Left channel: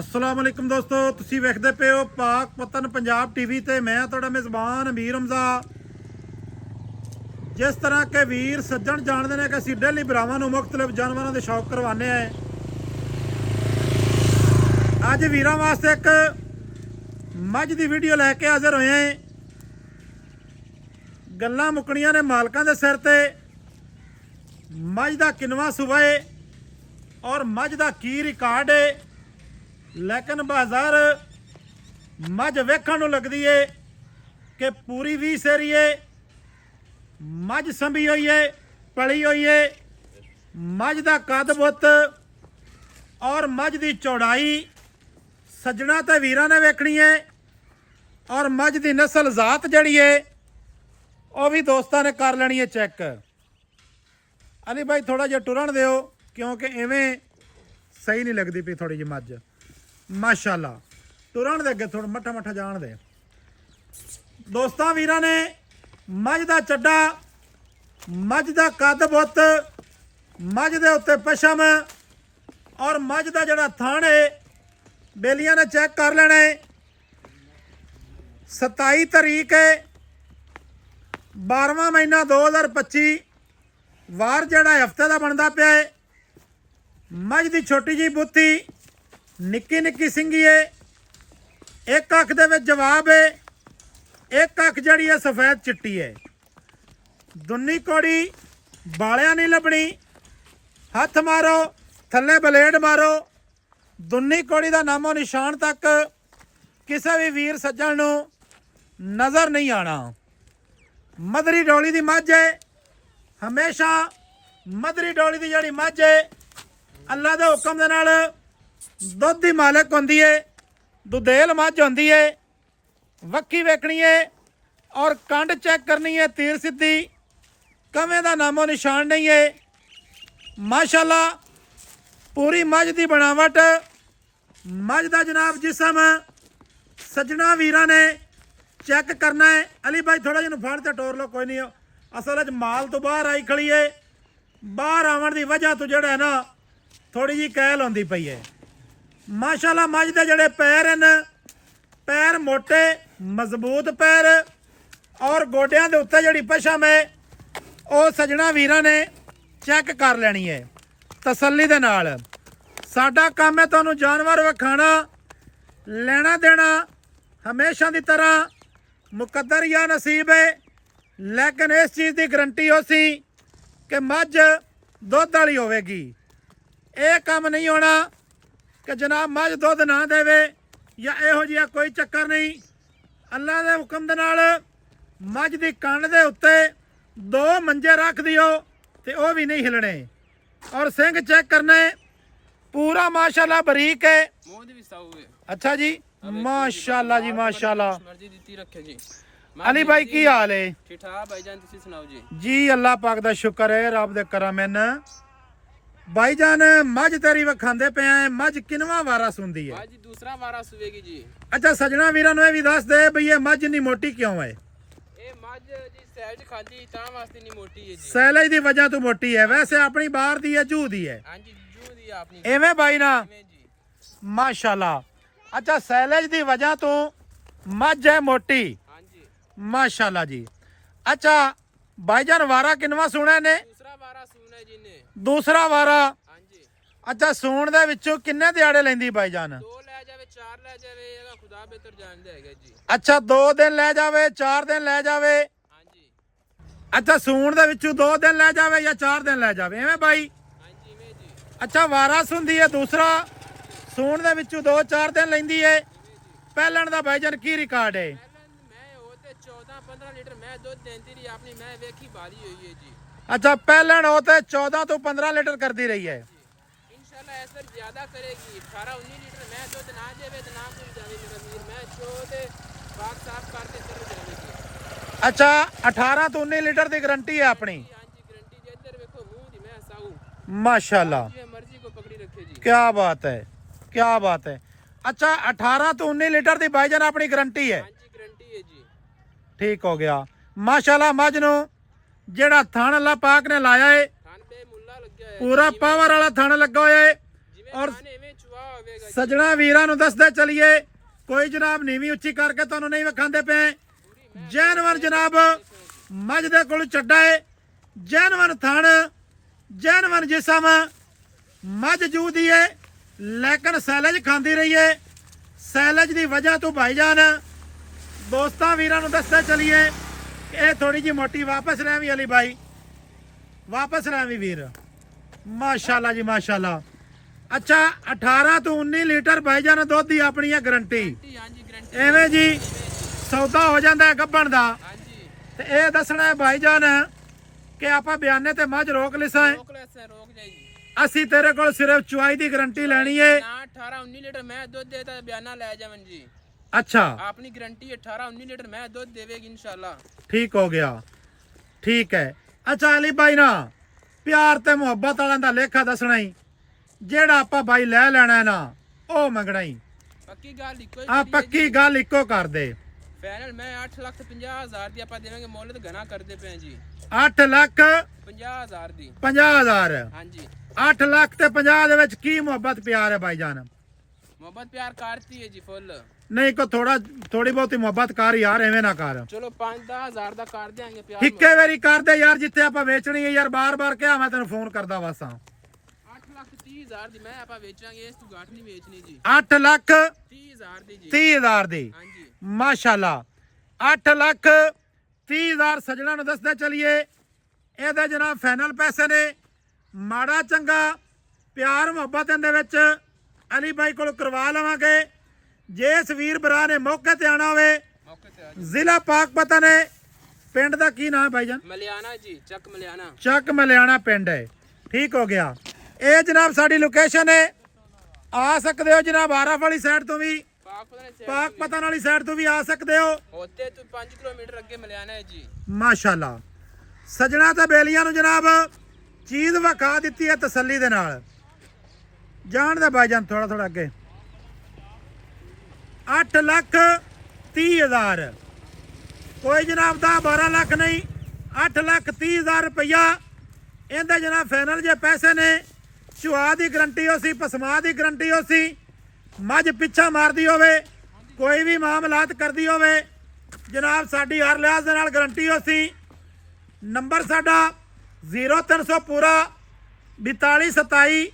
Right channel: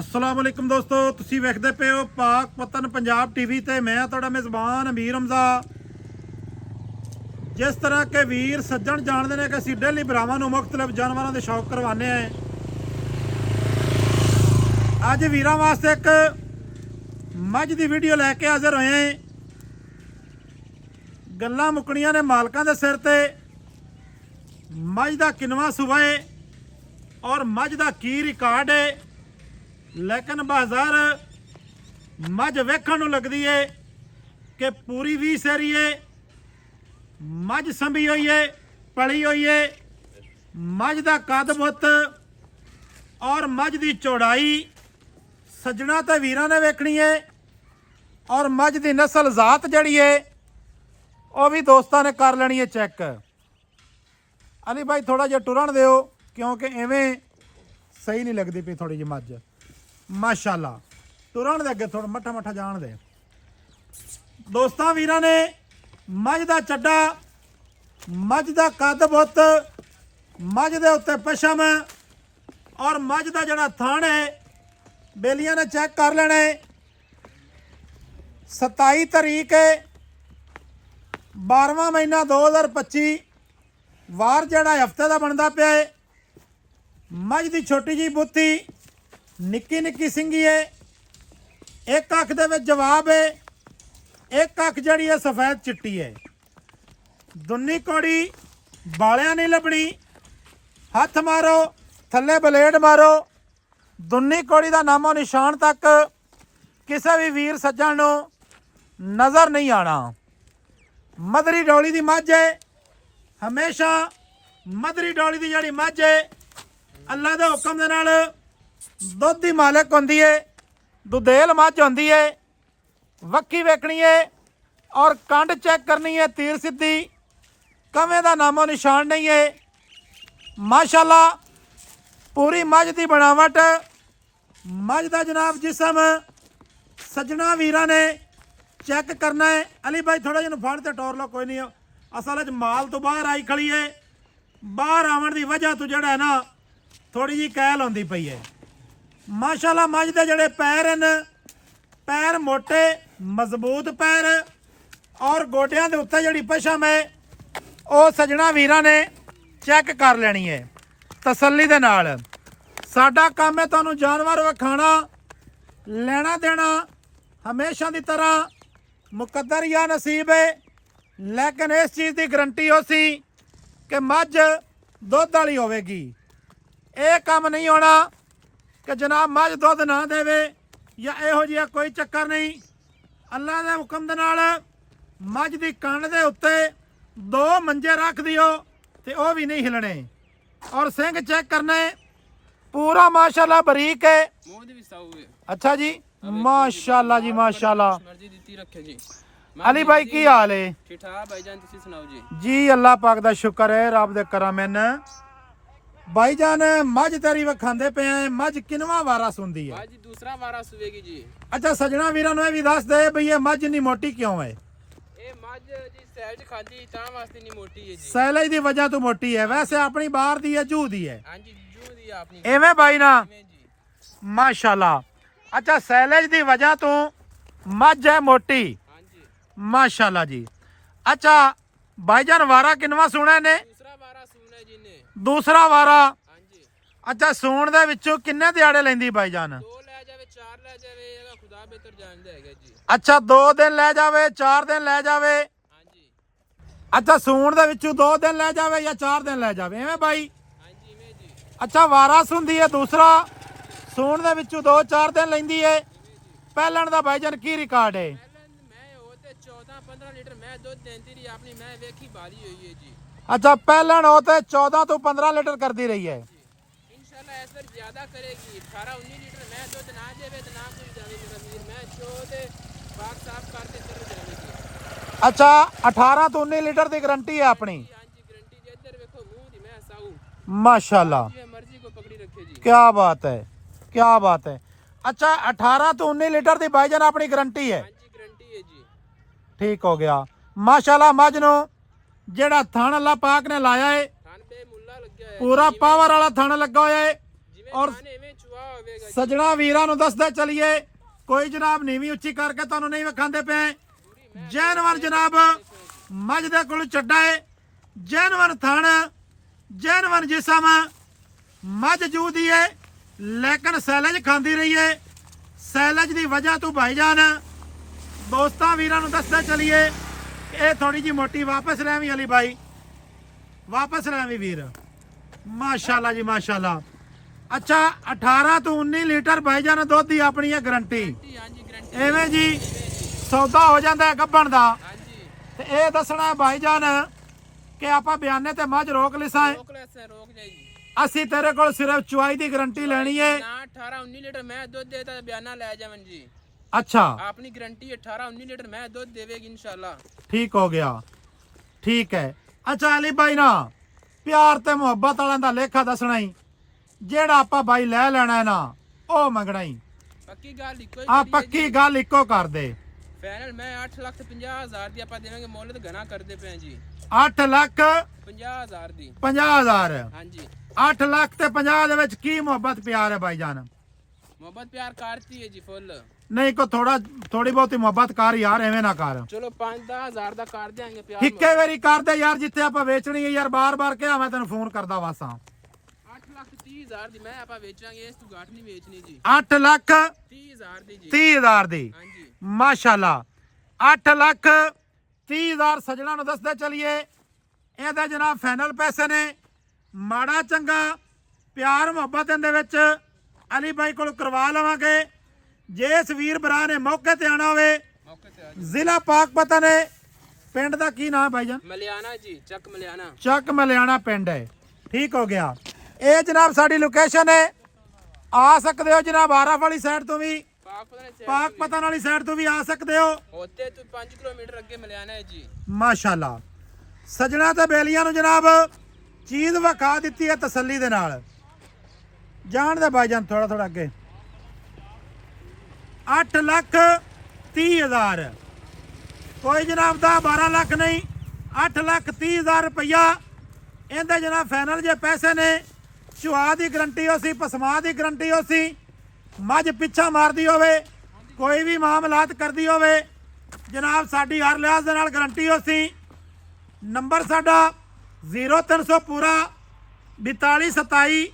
अस्सलाम वालेकुम दोस्तों, तुसी वेखदे पे हो पाक पतन पंजाब टीवी ते मैं तुहाडा मेज़बान अमीर हमजा। जिस तरह के वीर सज्जन जानते हैं कि असीं डेली भरावां नूं मुख्तलिफ जानवरों के शौक करवाने हैं। अज वीरां वास्ते एक मझ की वीडियो लैके हाजिर होए हैं। गल्लां मुकणियां ने मालकां दे सिर ते। मझ दा किनवा सूबा है और मझ दा की रिकॉर्ड है, लेकिन बाजार मझ वेखण नूं लगदी है कि पूरी 20 सेरी है। मझ संभी हुई है, पली हुई है। मझ दा कद बुत और मझ दी चौड़ाई सज्जणा ते वीरां ने वेखणी है और मझ दी नस्ल जात जिहड़ी है वह भी दोस्तां ने कर लेनी है चैक। अली भाई थोड़ा जिहा टुरन दिओ क्योंकि इवें सही नहीं लगती पई थोड़ी जी मझ। माशाअल्लाह टुरन दे अगे थोड़ा मठा मठा जान दे। दोस्तां वीरां ने मझ दा चड्डा, मझ दा कद बुत, मझ दे उत्ते पशम और मझ दा जिहड़ा थण है बेलियां ने चेक कर लेना है। 27 तारीख है 12वां महीना 2025 वार जिहड़ा हफ्ते का बनता पिया है। मझ दी छोटी जी बूथी निक्की निक्की सिंगी है। एक अख दे विच जवाब है, एक अख जिहड़ी है सफेद चिट्टी है। दुन्नी कोड़ी बालियां नहीं लभनी। हथ मारो थल्ले बलेड मारो, दुन्नी कोड़ी का नामो निशान तक किसी भी वीर सज्जण नूं नज़र नहीं आना। मदरी डोली की मझ है। हमेशा मदरी डोली की जिहड़ी मझ है अल्लाह के हुक्म दे नाल दुध की मालक होंदी है, दुधेल मझ होंदी है। वक्की वेखनी है और कंड चेक करनी है, तीर सीधी कमे का नामो निशान नहीं है। माशाअल्लाह पूरी मझ की बनावट, मझ का जनाब जिसम सज्जना वीरां ने चेक करना है। अली भाई थोड़ा जिहा फड़ ते टोर लो, कोई नहीं। असल माल तो बाहर आई खड़ी है। बाहर आवन की वजह तो जिहड़ा है ना थोड़ी जी कहल आउंदी पई है। माशाअल्लाह मझ दे जिहड़े पैर हैं, पैर मोटे मजबूत पैर और गोडियां दे उत्ते जिहड़ी पशम है वह सज्जणा वीरां ने चेक कर लेनी है तसल्ली दे नाल। साडा काम है तुहानूं जानवर विखाना, लेना देना हमेशा की तरह मुकद्दर या नसीब है। लेकिन इस चीज़ की गारंटी हो सी कि मझ दुध वाली होवेगी। यह काम नहीं होना कि जनाब मझ दुध ना देवे या इहो जिहा कोई चक्कर नहीं। अल्लाह के हुक्म दे नाल मझ की कंड दे उत्ते 2 मंजे रख दिओ ते वह भी नहीं हिलने। और सिंह चेक करने पूरा माशाअल्लाह बरीक है। अच्छा जी, माशाअल्लाह जी माशाअल्लाह। अली भाई की हाल है? ठीक ठाक भाईजान, तुसी सुनाओ जी? जी अल्लाह पाक दा शुक्र है, रब दे करम। भाईजान मझ तेरी विखांदे पे हैं, मझ किनवा वारा सुनदी है? जी दूसरा वारा सुवेगी जी। अच्छा सजना वीरां नूं भी दस दे भई ये मझ इन्नी मोटी क्यों है? ये मझ जी सैलज खादी तां वास्ते नहीं मोटी है जी। सैलज दी वजह तो मोटी है, वैसे अपनी बाहर दी है, जू दी है। हां जी जू दी अपनी एवें भाई ना जी माशाअल्लाह। अच्छा सैलज दी वजह तो मझ है मोटी। हां जी माशाअल्लाह जी। अच्छा भाईजान वारा किनवा सुना ने? दूसरा वारा सुना जी ने। दूसरा वारा। हां जी। अच्छा सूण दे विचों किन्ने दिहाड़े लैंदी भाईजान? 2 ले जावे 4 ले जावे, एगा खुदा बेहतर जानदा हैगा जी। अच्छा 2 दिन ले जावे 4 दिन ले जावे? हां जी। अच्छा सूण दे विचों 2 दिन ले जावे या 4 दिन ले जावे, एवें भाई? हां जी में जी। अच्छा वारस हुंदी है दूसरा, सूण दे विचों 2-4 दिन लैंदी है। पहलण दा भाईजान की रिकॉर्ड है? मैं होते 14-15 लीटर मैं दूध देंदी रही अपनी, मैं वेखी बारी हुई है जी। अच्छा पहलण होते 14 तो 15 लीटर करती रही है। इंशाल्लाह इस बार ज्यादा करेगी। 18-19 लीटर मैं दूध ना देवे तो ना कोई जावे मेरा वीर। मैं चोदे बाग साफ करते चल जावेगी। अच्छा 18 तो 19 लीटर की गारंटी है अपनी? हां जी गारंटी जी। इधर देखो मुंह दी मैं साऊ माशाल्लाह, जी मर्जी को पकड़ी रखे जी। क्या बात है, क्या बात है। अच्छा 18 तो 19 लीटर की भाईजान अपनी गारंटी है? हां जी गारंटी है जी। ठीक हो गया। माशाल्लाह मझ नूं जेड़ा थण अल्लाह पाक ने लाया है थान पे मुल्ला लग गया है पूरा पावर वाला थण लगा होया है। जिवें और थाने में चुआ ਵਾਹ ਹੋਵੇਗਾ ਜੀ। ਸਜਣਾ ਵੀਰਾਂ ਨੂੰ ਦੱਸਦੇ ਚਲੀਏ, ਕੋਈ ਜਨਾਬ ਨੀਵੀਂ ਉੱਚੀ ਕਰਕੇ ਤੁਹਾਨੂੰ ਨਹੀਂ ਵਿਖਾਉਂਦੇ ਪਏ। ਜੈਨਵਰ ਜਨਾਬ ਮੱਝ ਦੇ ਕੋਲ ਚੱਡਾ ਏ, ਜੈਨਵਰ ਥਣ, ਜੈਨਵਰ ਜਿਸਮ, ਮੱਝ ਜੂਦੀ ਏ ਲੇਕਿਨ ਸੈਲਜ ਖਾਂਦੀ ਰਹੀ ਏ। ਸੈਲਜ ਦੀ ਵਜ੍ਹਾ ਤੋਂ ਭਾਈਜਾਨ ਦੋਸਤਾਂ ਵੀਰਾਂ ਨੂੰ ਦੱਸਦੇ ਚਲੀਏ, ਇਹ ਥੋੜੀ ਜੀ ਮੋਟੀ ਵਾਪਸ ਲੈ ਵੀ ਅਲੀ ਭਾਈ, ਵਾਪਸ ਲੈ ਵੀ ਵੀਰ, ਮਾਸ਼ਾਅੱਲਾ ਜੀ ਮਾਸ਼ਾਅੱਲਾ। ਅੱਛਾ 18 ਤੋਂ 19 ਲੀਟਰ ਭਾਈਜਾਨ ਦੁੱਧ ਦੀ ਆਪਣੀ ਹੈ ਗਰੰਟੀ। ਹਾਂਜੀ ਗਰੰਟੀ ਐਵੇਂ ਜੀ ਸੌਦਾ ਹੋ ਜਾਂਦਾ ਹੈ ਗੱਭਣ ਦਾ। ਹਾਂਜੀ ਤੇ ਇਹ ਦੱਸਣਾ ਹੈ ਭਾਈਜਾਨ ਕਿ ਆਪਾਂ ਬਿਆਨੇ ਤੇ ਮੱਝ ਰੋਕ ਲਿਸਾ ਹੈ, ਰੋਕ ਲੈ ਸਰ ਰੋਕ ਜਾਏਗੀ। ਅਸੀਂ ਤੇਰੇ ਕੋਲ ਸਿਰਫ ਚੁਆਈ ਦੀ ਗਰੰਟੀ ਲੈਣੀ ਹੈ। ਨਾ 18 19 ਲੀਟਰ ਮੈਂ ਦੁੱਧ ਦੇਤਾ ਬਿਆਨਾ ਲੈ ਜਾਵਨ ਜੀ। ਅੱਛਾ ਆਪਣੀ ਗਰੰਟੀ 18 19 ਲੀਟਰ ਮੈਂ ਦੁੱਧ ਦੇਵੇਗੀ इंशाल्लाह। ਠੀਕ ਹੋ ਗਿਆ, ਠੀਕ ਹੈ। ਅੱਛਾ ਅਲੀ ਭਾਈ ਨਾ ਪਿਆਰ ਤੇ ਮੁਹੱਬਤ ਵਾਲਿਆਂ ਦਾ ਲੇਖਾ ਦੱਸਣਾ ਹੀ, ਜਿਹੜਾ ਆਪਾਂ ਭਾਈ ਲੈ ਲੈਣਾ ਹੈ ਨਾ ਉਹ ਮੰਗਣਾ ਹੀ। ਪੱਕੀ ਗੱਲ ਇੱਕੋ ਹੀ ਆ ਕਰੀਏ ਪੱਕੀ ਜੀ। ਗੱਲ ਇੱਕੋ ਕਰ ਦੇ। ਫਾਈਨਲ ਮੈਂ 8,50,000 ਦੀ ਆਪਾਂ ਦੇਵਾਂਗੇ, ਮੁੱਲ ਤੇ ਘਣਾ ਕਰਦੇ ਪਏ ਜੀ। 8,50,000 ਦੀ 50,000। ਹਾਂਜੀ 8 ਲੱਖ ਤੇ 50 ਦੇ ਵਿੱਚ ਕੀ ਮੁਹੱਬਤ ਪਿਆਰ ਹੈ ਭਾਈਜਾਨ? ਮੁਹੱਬਤ ਪਿਆਰ ਕਰਤੀ ਹੈ ਜੀ ਫੁੱਲ। ਨਹੀਂ ਕੋ ਥੋੜੀ ਬਹੁਤੀ ਮੁਹੱਬਤ ਕਰ ਯਾਰ, ਐਵੇਂ ਨਾ ਕਰ। ਚਲੋ 5-10,000 ਦਾ ਕਰ ਦਿਆਂਗੇ ਪਿਆਰ। ਇੱਕੇ ਵਾਰੀ ਕਰਦੇ ਯਾਰ, ਜਿੱਥੇ ਆਪਾਂ ਵੇਚਣੀ ਹੈ ਯਾਰ, ਬਾਰ-ਬਾਰ ਕਿਹਾ ਮੈਂ ਤੈਨੂੰ ਫੋਨ ਕਰਦਾ ਵਾਸਾਂ। 8,30,000 ਦੀ ਮੈਂ ਆਪਾਂ ਵੇਚਾਂਗੇ, ਇਸ ਤੋਂ ਘੱਟ ਨਹੀਂ ਵੇਚਣੀ ਜੀ। 8,30,000 30,000 ਦੀ ਜੀ। 30,000 ਦੀ ਹਾਂਜੀ ਮਾਸ਼ਾਅੱਲਾ। 8,30,000 ਸਜਣਾ ਨੂੰ ਦੱਸਦੇ ਚਲੀਏ, ਇਹਦੇ ਜਨਾਬ ਫਾਈਨਲ ਪੈਸੇ ਨੇ। ਮਾੜਾ ਚੰਗਾ ਪਿਆਰ ਮੁਹੱਬਤ ਇਹਦੇ ਵਿੱਚ ਅਲੀ ਭਾਈ ਕੋਲ ਕਰਵਾ ਲਵਾਂਗੇ। ਜੇ ਇਸ ਵੀਰ ਭਰਾ ਨੇ ਮੌਕੇ ਤੇ ਆਣਾ ਹੋਵੇ, ਮੌਕੇ ਤੇ ਆ ਜੀ। ਜ਼ਿਲ੍ਹਾ ਪਾਕਪਤਾ ਨੇ, ਪਿੰਡ ਦਾ ਕੀ ਨਾਮ ਭਾਈਜਾਨ? ਮਲਿਆਣਾ ਜੀ, ਚੱਕ ਮਲਿਆਣਾ। ਚੱਕ ਮਲਿਆਣਾ ਪਿੰਡ ਹੈ, ਠੀਕ ਹੋ ਗਿਆ। ਇਹ ਜਨਾਬ ਸਾਡੀ ਲੋਕੇਸ਼ਨ ਹੈ, ਆ ਸਕਦੇ ਹੋ ਜਨਾਬ ਆਰਫ ਵਾਲੀ ਸਾਈਡ ਤੋਂ ਵੀ, ਪਾਕਪਤਨ ਵਾਲੀ ਸਾਈਡ ਤੋਂ ਵੀ ਆ ਸਕਦੇ ਹੋ। ਉੱਥੇ ਤੋਂ 5 ਕਿਲੋਮੀਟਰ ਅੱਗੇ ਮਲਿਆਣਾ ਹੈ ਜੀ। ਮਾਸ਼ਾਅੱਲਾ ਸਜਣਾ ਤੇ ਬੇਲੀਆਂ ਨੂੰ ਜਨਾਬ ਚੀਜ਼ ਵਿਖਾ ਦਿੱਤੀ ਹੈ ਤਸੱਲੀ ਦੇ ਨਾਲ। ਜਾਣ ਦੇ ਭਾਈਜਾਨ ਥੋੜਾ ਥੋੜਾ ਅੱਗੇ। 8,30,000 ਕੋਈ ਜਨਾਬ ਦਾ 12 ਲੱਖ ਨਹੀਂ, 8,30,000 ਰੁਪਇਆ ਇਹਦੇ ਜਨਾਬ ਫਾਈਨਲ ਜੇ ਪੈਸੇ ਨੇ। ਚੁਆ ਦੀ ਗਰੰਟੀ ਹੋ ਸੀ, ਪਸਮਾ ਦੀ ਗਰੰਟੀ ਹੋ ਸੀ, ਮੱਝ ਪਿੱਛਾ ਮਾਰਦੀ ਹੋਵੇ, ਕੋਈ ਵੀ ਮਾਮਲਾਤ ਕਰਦੀ ਹੋਵੇ ਜਨਾਬ ਸਾਡੀ ਹਰ ਲਿਹਾਜ਼ ਦੇ ਨਾਲ ਗਰੰਟੀ ਹੋ ਸੀ। ਨੰਬਰ ਸਾਡਾ 0300 ਪੂਰਾ 4227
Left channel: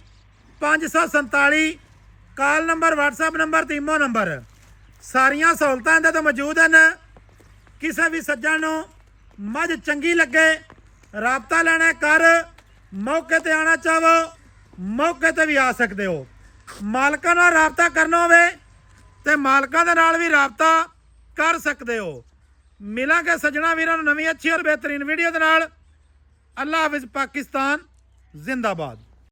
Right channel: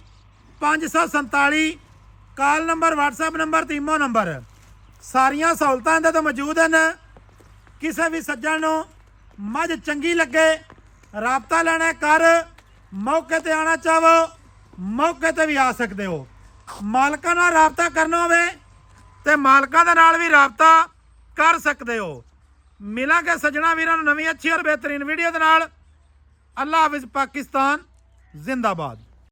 547, ਕਾਲ ਨੰਬਰ WhatsApp ਨੰਬਰ ਤੇ ਈਮੋ ਨੰਬਰ, ਸਾਰੀਆਂ ਸਹੂਲਤਾਂ ਇਹਦੇ ਤੋਂ ਮੌਜੂਦ ਹਨ। ਕਿਸੇ ਵੀ ਸੱਜਣ ਨੂੰ ਮੱਝ ਚੰਗੀ ਲੱਗੇ, ਰਾਬਤਾ ਲੈਣਾ ਕਰ, ਮੌਕੇ ਤੇ ਆਣਾ ਚਾਹੋ ਮੌਕੇ ਤੇ ਵੀ ਆ ਸਕਦੇ ਹੋ। ਮਾਲਕਾਂ ਨਾਲ ਰਾਬਤਾ ਕਰਨਾ ਹੋਵੇ ਤੇ ਮਾਲਕਾਂ ਦੇ ਨਾਲ ਵੀ ਰਾਬਤਾ ਕਰ ਸਕਦੇ ਹੋ। ਮਿਲਾਂਗੇ ਸੱਜਣਾ ਵੀਰਾਂ ਨੂੰ ਨਵੀਂ ਅੱਛੀ ਔਰ ਬਿਹਤਰੀਨ ਵੀਡੀਓ ਦੇ ਨਾਲ। ਅੱਲਾ ਹਾਫਿਜ਼, ਪਾਕਿਸਤਾਨ ਜ਼ਿੰਦਾਬਾਦ।